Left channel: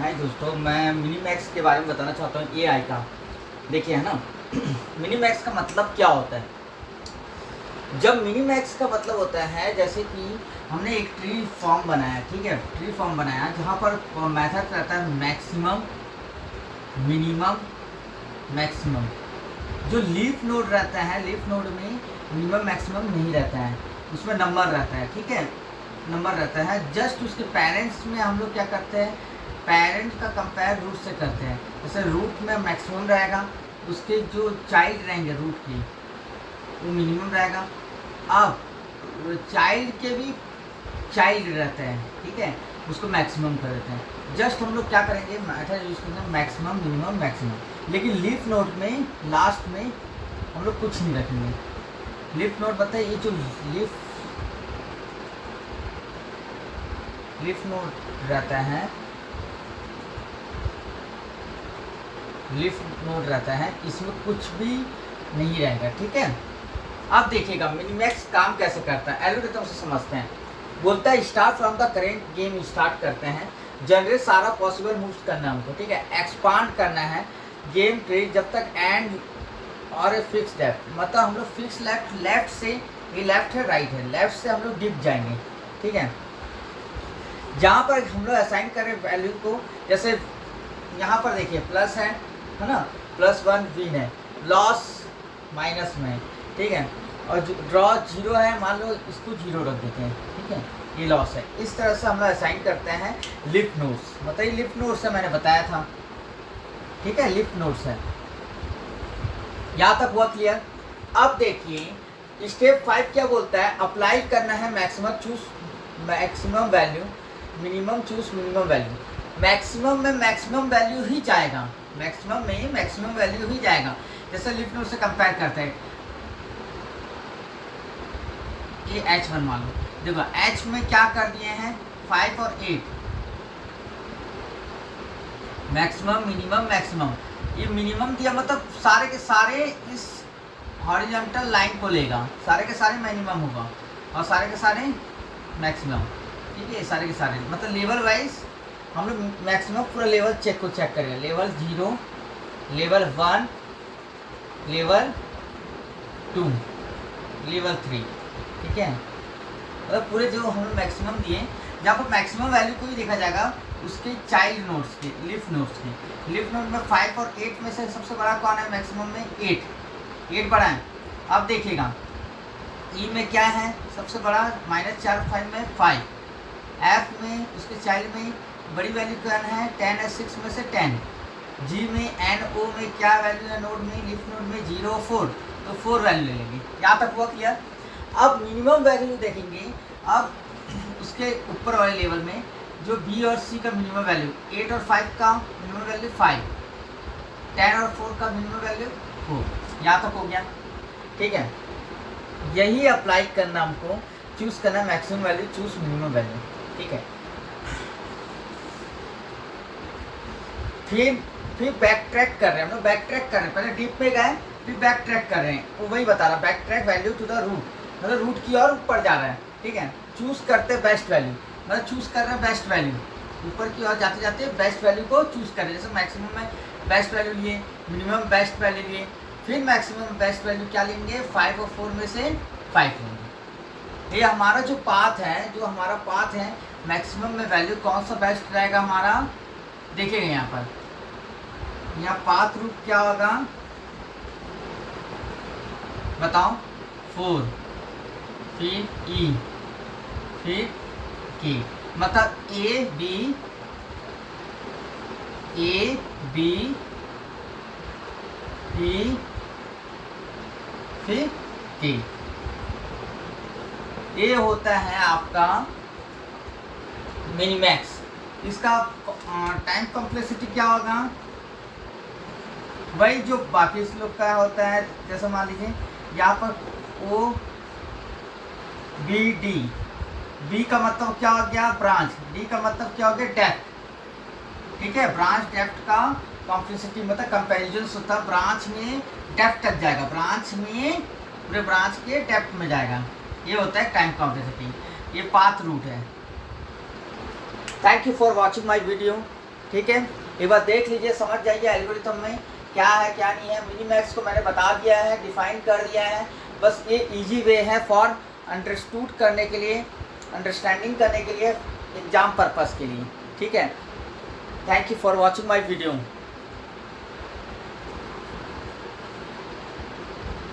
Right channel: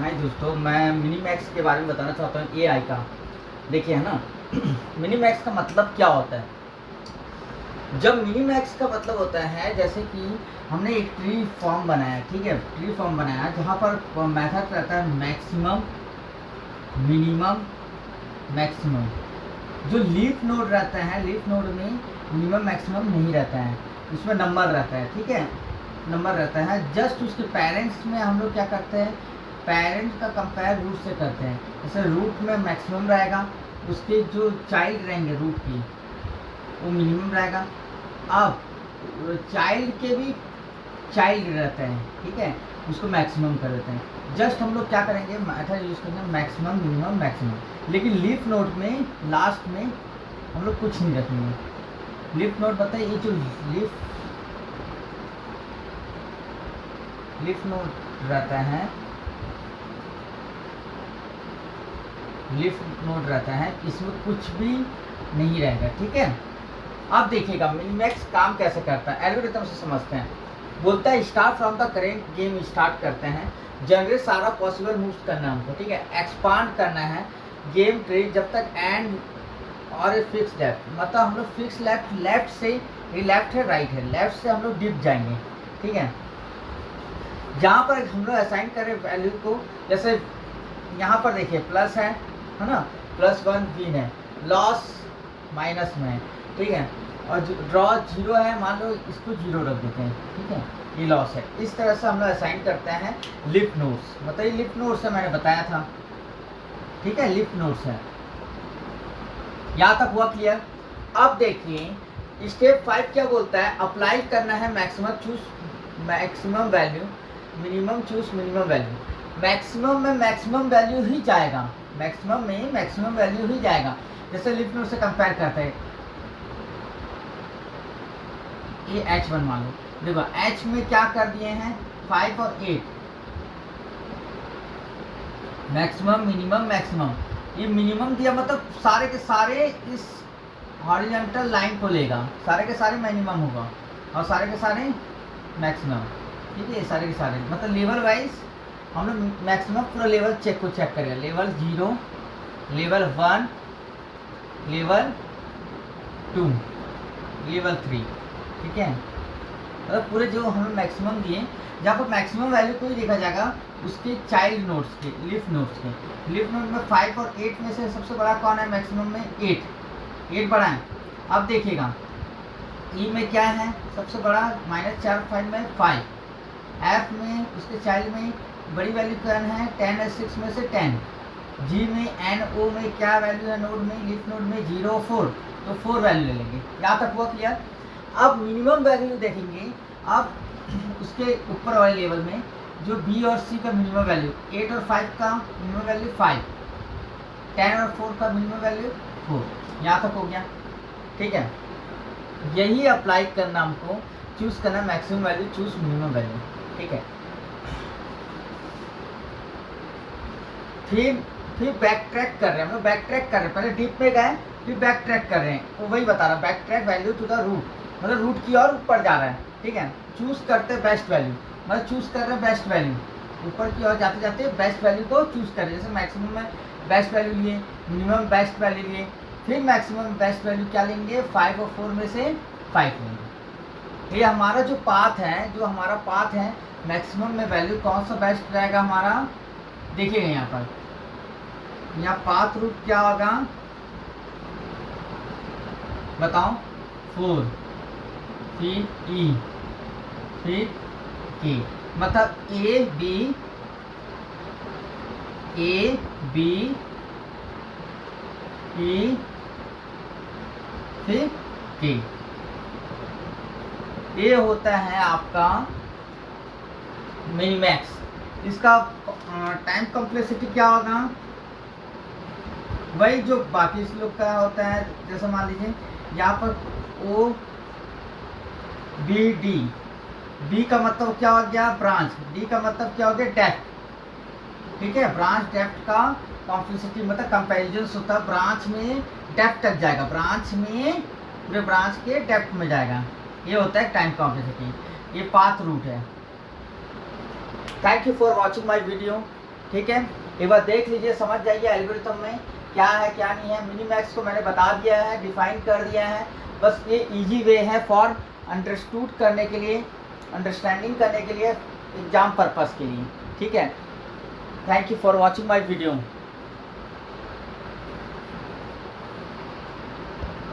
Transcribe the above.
हाय दोस्तों, मैं मिनीमैक्स के बारे में बताना चाहता हूँ एआई का। देखिए है ना मिनीमैक्स का मतलब क्या होता है। जब मिनीमैक्स का मतलब होता है जैसे कि हमने एक ट्री फॉर्म बनाया, ठीक है, ट्री फॉर्म बनाया जहाँ पर मेथड रहता है मैक्सिमम, मिनिमम, मैक्सिमम। जो लीफ नोड रहता है, लीफ नोड में मिनिमम मैक्सिमम नहीं रहता है, उसमें नंबर रहता है, ठीक है, नंबर रहता है। जस्ट उसके पेरेंट्स में हम लोग क्या करते हैं, पेरेंट का कंपेयर रूट से करते हैं। जैसे रूट में मैक्सिमम रहेगा, उसके जो चाइल्ड रहेंगे रूट की वो मिनिमम रहेगा। अब चाइल्ड के भी चाइल्ड रहते हैं, ठीक है, उसको मैक्सिमम कर देते हैं। जस्ट हम लोग क्या करेंगे, मेथड यूज करेंगे मैक्सिमम, मिनिमम, मैक्सिमम। लेकिन लीफ नोड में लास्ट में हम लोग कुछ नहीं रखेंगे। लीफ नोड बताइए, ये जो लीफ नोड रहता है, लीफ नोड रहता है, इसमें कुछ भी नहीं रहेगा, ठीक है। अब देखिएगा मिनीमैक्स काम कैसे करता है, एल्गोरिथम से समझते हैं। बोलता है start from the current game, start करते हैं, जनरेट सारा पॉसिबल मूव्स करना है हमको, ठीक है, एक्सपांड करना है गेम ट्री जब तक एंड और ए फिक्स लेफ्ट, मतलब हम लोग फिक्स लेफ्ट, लेफ्ट से ये लेफ्ट है राइट है, लेफ्ट से हम लोग डिप जाएंगे, ठीक है। जहाँ पर हम लोग असाइन करें वैल्यू को, जैसे यहाँ पर देखिए प्लस है ना, +1 विन है, लॉस माइनस में है, ठीक है, और ड्रॉ 0 है, मान लो इसको 0 रख देते हैं, ठीक है, ये लॉस है। इस तरह से हम लोग असाइन करते हैं लिफ नोड्स। बताइए लिफ नोड्स है, मैंने बताया था, ठीक है, लिफ नोड्स है। यहाँ तक हुआ क्लियर। अब देखिए स्टेप 5 क्या बोलता है, अप्लाई करना है maximum, choose maximum value, minimum choose minimum value. Maximum में मैक्सिमम वैल्यू ही जाएगा, मैक्सिमम में मैक्सिमम वैल्यू ही जाएगा। जैसे लिफ नोड से कंपेयर करते हैं, ये H1 मान लो, देखो H में क्या कर दिए हैं 5 और 8, मैक्सिमम, मिनिमम, मैक्सिमम। ये मिनिमम दिया मतलब सारे के सारे इस हॉरिजॉन्टल लाइन को लेगा, सारे के सारे मिनिमम होगा और सारे के सारे मैक्सिमम, ठीक है, सारे के सारे मतलब लेवल वाइज हम लोग मैक्सिमम पूरा लेवल चेक करेंगे, लेवल 0, लेवल 1, लेवल 2, लेवल 3, ठीक है, मतलब पूरे जो हम लोग मैक्सिमम दिए, जहाँ पर मैक्सिमम वैल्यू को ही देखा जाएगा उसके चाइल्ड नोड्स के, लिफ नोड्स के। लिफ नोड में 5 और 8 में से सबसे बड़ा कौन है, मैक्सिमम में 8 बड़ा है। अब देखिएगा ई में क्या है सबसे बड़ा, -4 5 में 5, एफ में उसके चाइल्ड में बड़ी वैल्यू क्या है 10 है, 6 में से 10, जी में एन ओ में क्या वैल्यू है नोड में, लिफ नोड में 0 4, तो 4 वैल्यू ले लेंगे। यहाँ तक हुआ क्लियर। अब मिनिमम वैल्यू देखेंगे, अब उसके ऊपर वाले लेवल में जो बी और सी का मिनिमम वैल्यू, 8 और 5 का मिनिमम वैल्यू 5, 10 और 4 का मिनिमम वैल्यू 4, यहाँ तक हो गया, ठीक है। यही अप्लाई करना हमको, चूज करना maximum value, choose minimum value, ठीक है। फिर बैक ट्रैक कर रहे हैं हम लोग, बैक ट्रैक कर रहे हैं, पहले डीप में गए फिर बैक ट्रैक कर रहे हैं, वो वही बता रहा, back track value to the root, मतलब रूट की और ऊपर जा रहा है, ठीक है। चूज करते हैं बेस्ट वैल्यू, मतलब चूज कर रहे हैं बेस्ट वैल्यू, ऊपर की ओर जाते जाते बेस्ट वैल्यू को चूज कर रहे हैं। जैसे मैक्सिमम में बेस्ट वैल्यू लिए, मिनिमम बेस्ट वैल्यू लिए, फिर मैक्सिमम बेस्ट वैल्यू क्या लेंगे, 5 और 4 में से 5 लेंगे। ये हमारा जो पाथ है, जो हमारा पाथ है, मैक्सिमम में वैल्यू कौन सा बेस्ट रहेगा हमारा, देखेंगे यहाँ पर, यहाँ पाथ रूट क्या होगा बताओ, 4, फिर ई, फिर के, मतलब ए बी ई, फिर के। ये होता है आपका मिनीमैक्स। इसका टाइम कॉम्प्लेक्सिटी क्या होगा, वही जो बाकी इस लोग का होता है। जैसे मान लीजिए यहाँ पर ओ बी डी, बी का मतलब क्या हो गया ब्रांच, डी का मतलब क्या हो गया डेप्थ, ठीक है। ब्रांच डेप्थ का कॉम्प्लेक्सिटी मतलब कंपैरिजन होता है, ब्रांच में डेप्थ तक जाएगा, ब्रांच में पूरे ब्रांच के डेप्थ में जाएगा, ये होता है टाइम कॉम्प्लेक्सिटी, ये पाथ रूट है। Thank you for watching my video. ठीक है, एक बार देख लीजिए, समझ जाइए एल्गोरिथम में क्या है क्या नहीं है। मिनीमैक्स को मैंने बता दिया है, डिफाइन कर दिया है। बस ये इजी वे है फॉर अंडरस्टूड करने के लिए, अंडरस्टैंडिंग करने के लिए, एग्जाम पर्पस के लिए। ठीक है, thank you for watching my video.